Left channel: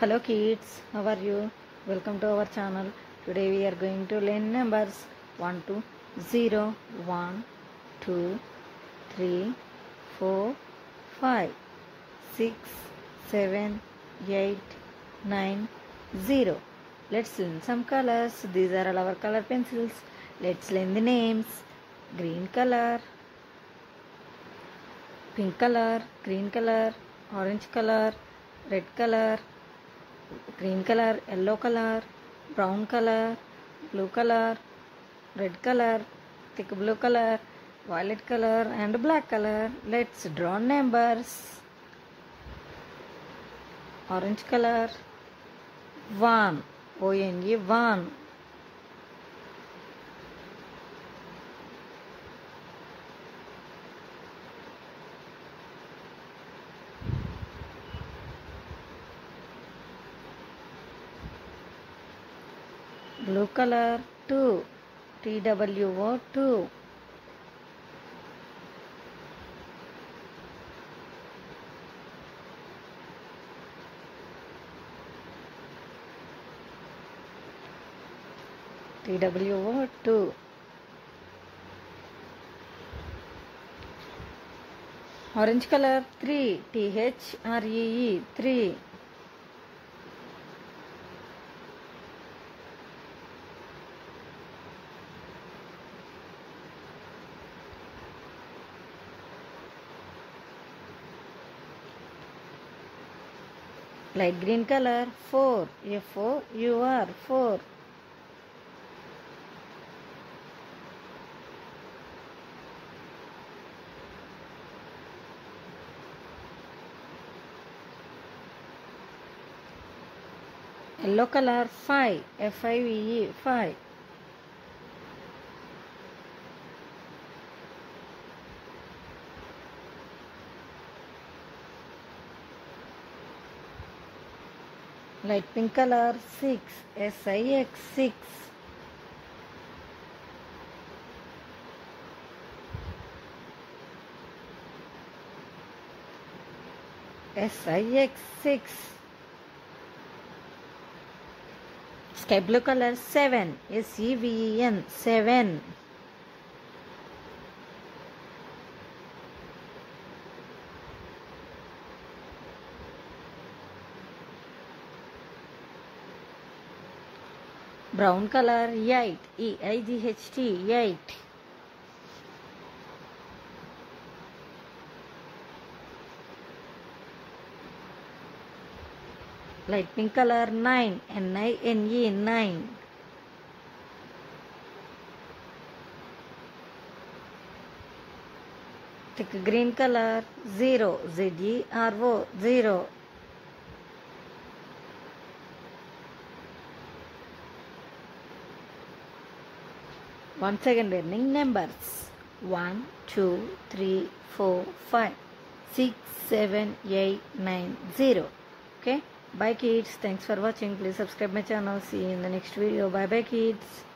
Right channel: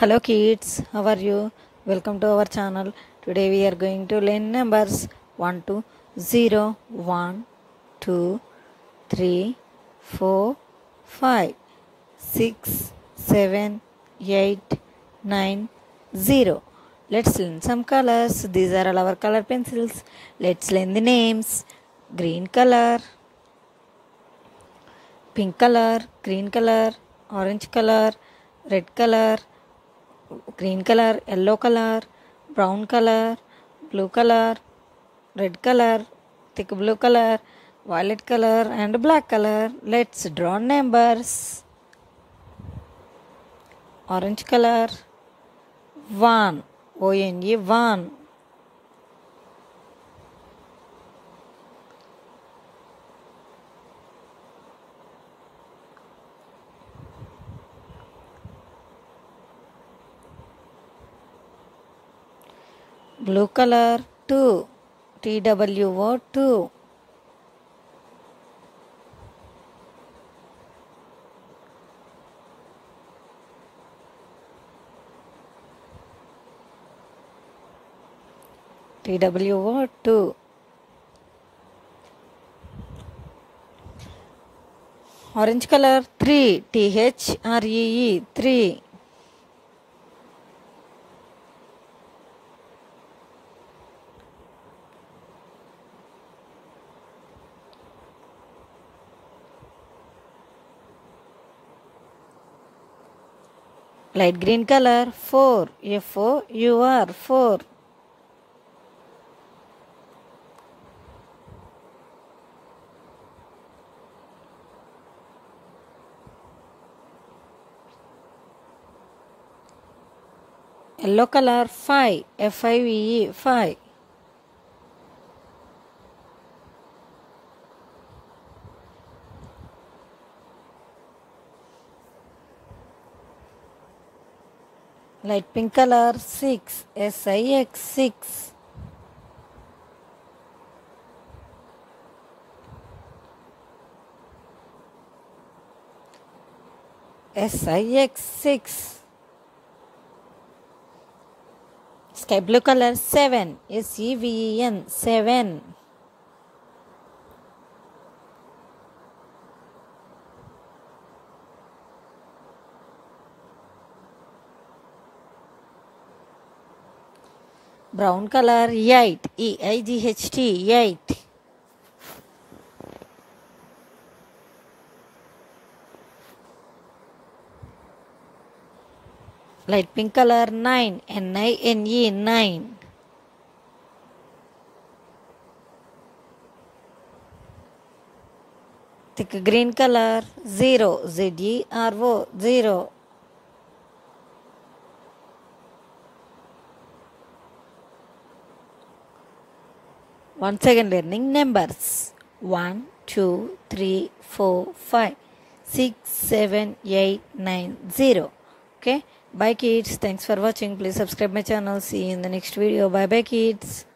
Hello kids, how are you? Welcome to our channel. Today we are going to learn numbers 1 to 0, 1, 2, 3, 4, 5, 6, 7, 8, 9, 0. Let's learn some colors. These are all our color pencils. Let's learn the names. Green color, pink color, green color, orange color, red color, green color, yellow color, brown color, blue color, red color, thick blue color, violet color and black color. Let's draw numbers. Orange color, 1, O-N-E, 1. Blue color, 2, T-W-O, 2. T-W-O, 2. Orange color, 3, T-H-R-E-E, 3. Light green color, 4, F-O-U-R, 4. Yellow color, 5, F-I-V-E, 5. Light pink color, 6, S-I-X, 6. S-I-X, 6. Sky blue color, 7, S-E-V-E-N, 7. Brown color, 8, E-I-G-H-T, 8. Light pink color, 9, N-I-N-E, 9. Thick green color, 0, Z-E-R-O, 0. Once again learning numbers. 1, 2, 3, 4, 5, 6, 7, 8, 9, 0. Okay. Bye kids. Thanks for watching. Please subscribe my channel. See you in the next video. Bye bye kids.